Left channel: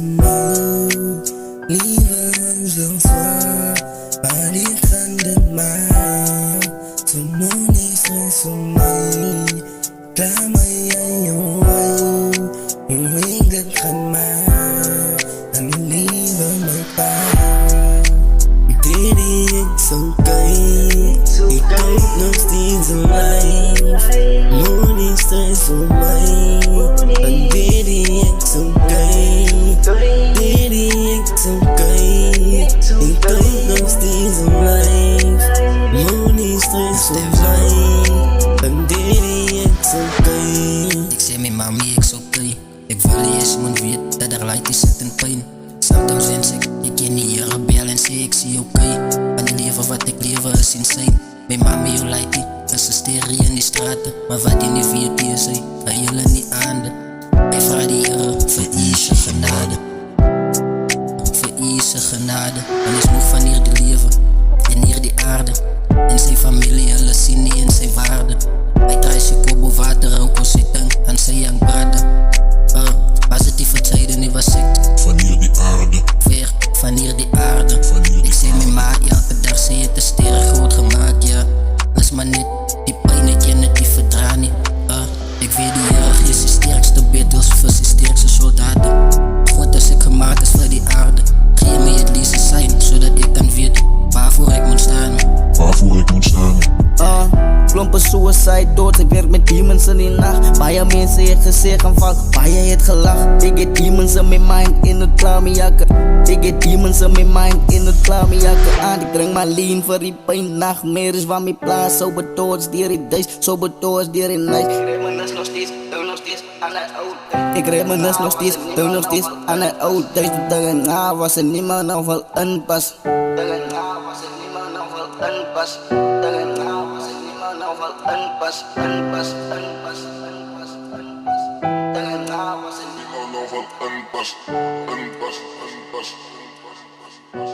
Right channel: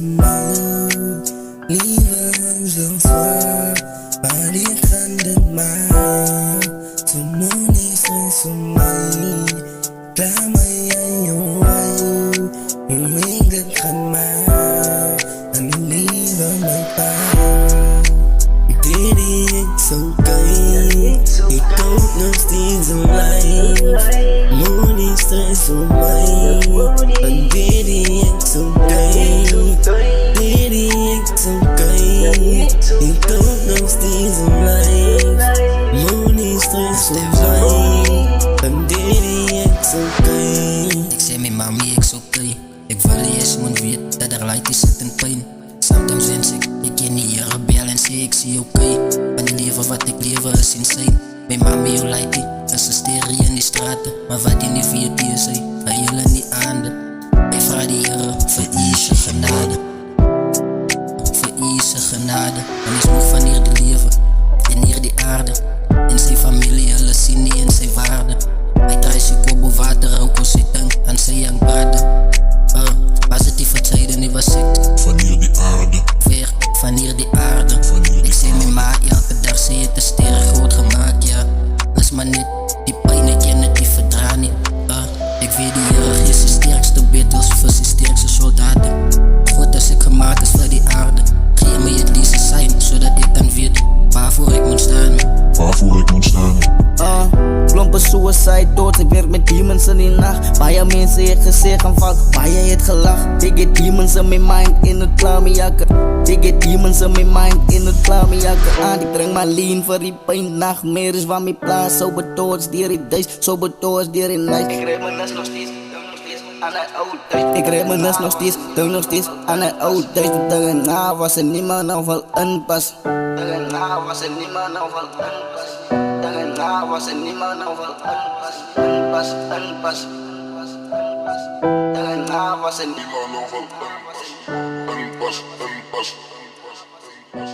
Mond, Liebe unser Soir, bei dir kandet man, zum Mond ist es mein, Klama yayo ay, umigad kan man, ang Liebe may pa. Didi it's okay, ikaw knows these are life, Moon is stress on mine, and Didi it's okay, Didi it's okay, ikaw knows these are life, Moon is stress on mine, and Didi it's okay. Ik zei mijn mami, ik is oké. Ik wil eerst mijn weet dat er light is zit in pijn. Sometimes wens ik ken niet hier bel en sê ik zie oké. Van die leven wat ik lewe is insane. Mijn mami, hoe light die, is een stereo in die straten. Maar wat die niet weet, die is hy hele nie aande. Hy vraag die Here vir u se genade, vir u se genade. En is moeg van hier die lewe en hier die aarde. En sy familie, hulle sien nie in sy waarde. Hy draai sy kobo water, ook op sy tang aan sy young brother. Positieve tijden, nie was ek van hier die aarde, ver van hier die aarde. Ik sê my ma, elke dag sê het 'n sterre groot gemaakt, ja. Is maar net die pijn, ek ken het nie verdra nie. Ek weet die Here gee sy sterkste betels vir sy sterkste soldaten. God as ek gemaakt is vir die aarde, gee my het lees 'n sign, sodat ek kan weet waarvoor ek moet staan. waarvoor ek moet staan. Klompe suicide thoughts, ek werk met demons in die nacht. Baie mense het gesê gaan val, baie het gelach. Ek het demons in my mind en het klaar my jakke. Ek het demons in my mind en het klaar my jakke aan. Ek drink my lean vir die pijn, nachtmerries van my plaas. Sober thoughts dier die duis, sober thoughts dier die night. Ek reminis nog steeds, dink nog steeds aan die oud tyd. Ek reminis nog steeds, dink nog steeds aan die oud tyd. Die dinge na was er niemand nou wil inpas. Dinge na was er niemand nou wil inpas. Dinge na was er niemand nou wil inpas. Inpas, inpas, inpas, inpas. Dinge na was er niemand nou wil inpas. Inpas, inpas, inpas, inpas.